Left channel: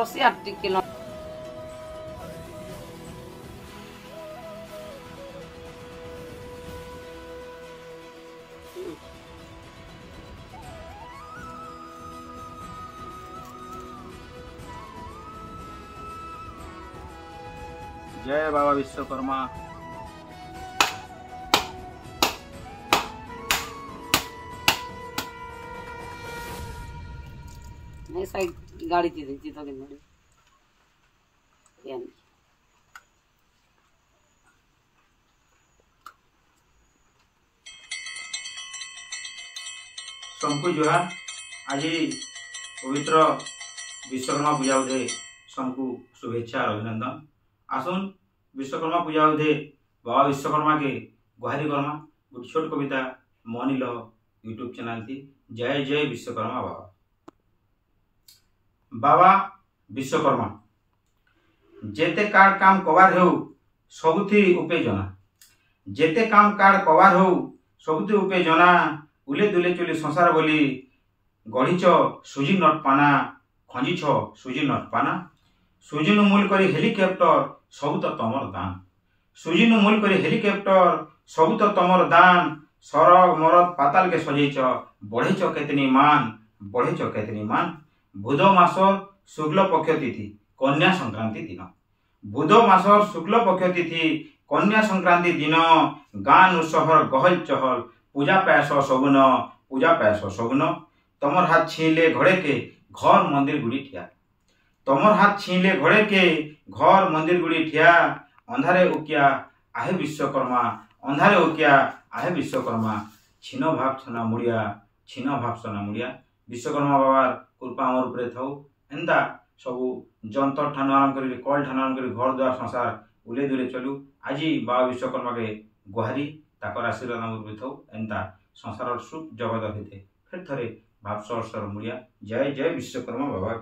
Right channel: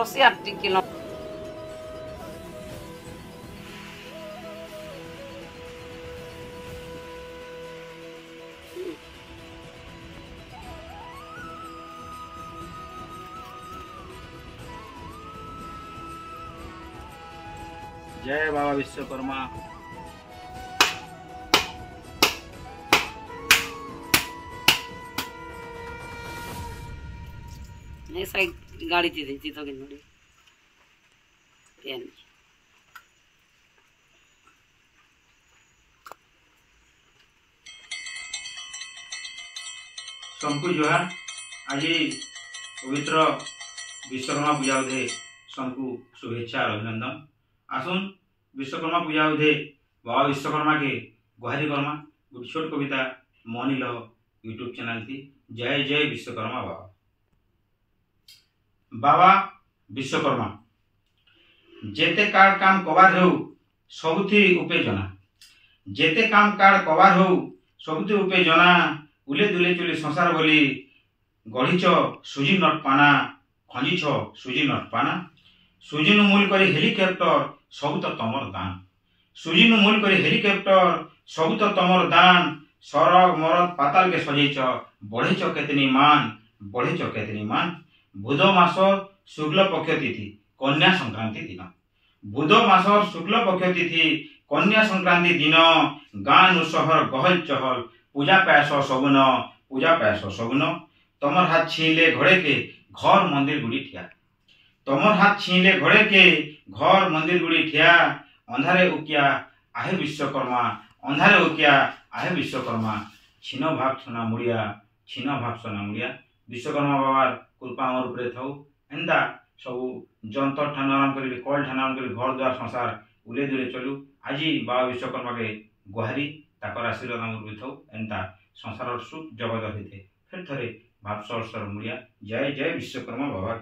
रसिया टिके न जय बाबा विश्वकर्मा। नहीं साइड गाड़ी थी तो किन पेन सबको जो है आज पवित्र विश्वकर्मा पूजा उदे सबको शुभेच्छा और अभिनंदन। आसुन विश्वकर्मा पूजा उदे बाबा विश्वकर्मा के गुहारी कर्मा गोटे छोट कविता मनिल यूट्यूब चैनल थी। जय जय विश्वकर्मा बाबा। बाबा विश्वकर्मा जेते कार काम कबार हो सबुथि उपे जना, जेते काम कार कबार हो सबुथि उपे जना, उले दुले चुले संसार बोली गढ़ीच सुजी नट पाना, खंजीछ सुजी नट पाना, सुजी नु मूल करी हेलिकॉप्टर सब तो तमर दान, सुजी नु मूल करी हेलिकॉप्टर सब तो तमर दान, सरग मरद पाताल के सजैच बढ़ेच केतनी मान, बढ़ेच केतनी मान। बुध मासर शुक्ल पक्ष तिथि कन्या संक्रांति दिन, बुध मासर शुक्ल पक्ष तिथि कन्या संक्रांति दिन गाँ नु सहर गहल चहल पूजा पायस सगुन, पूजा पायस सगुन। तमर हाथ छीनले घड़े के घर मंदिर गुड़ी ठिया, तमर हाथ छीनले घड़े के घर मंदिर गुड़ी ठिया, अंधारे उकिया आहे विश्वकर्मा, अंधारे उकिया आहे विश्वकर्मा, छीन भाव सोना मुड़िया, छीन भाव सोना मुड़िया। विश्वकर्मा बाबार कृपा आमर उपरे थाउ। एंता सबू जंतर ठानु आरम्भ करी कल ठानु आरम्भ करी घर द्वार संसार उले दुले चलू। आज बाबा विश्वकर्मा के गुहारी ताकर आशीर्वाद आमर उपरे थाउ। एंता संसार सुख जगत होते फिर थरे भाव सर मुड़िया। जय जय विश्वकर्मा बाबा।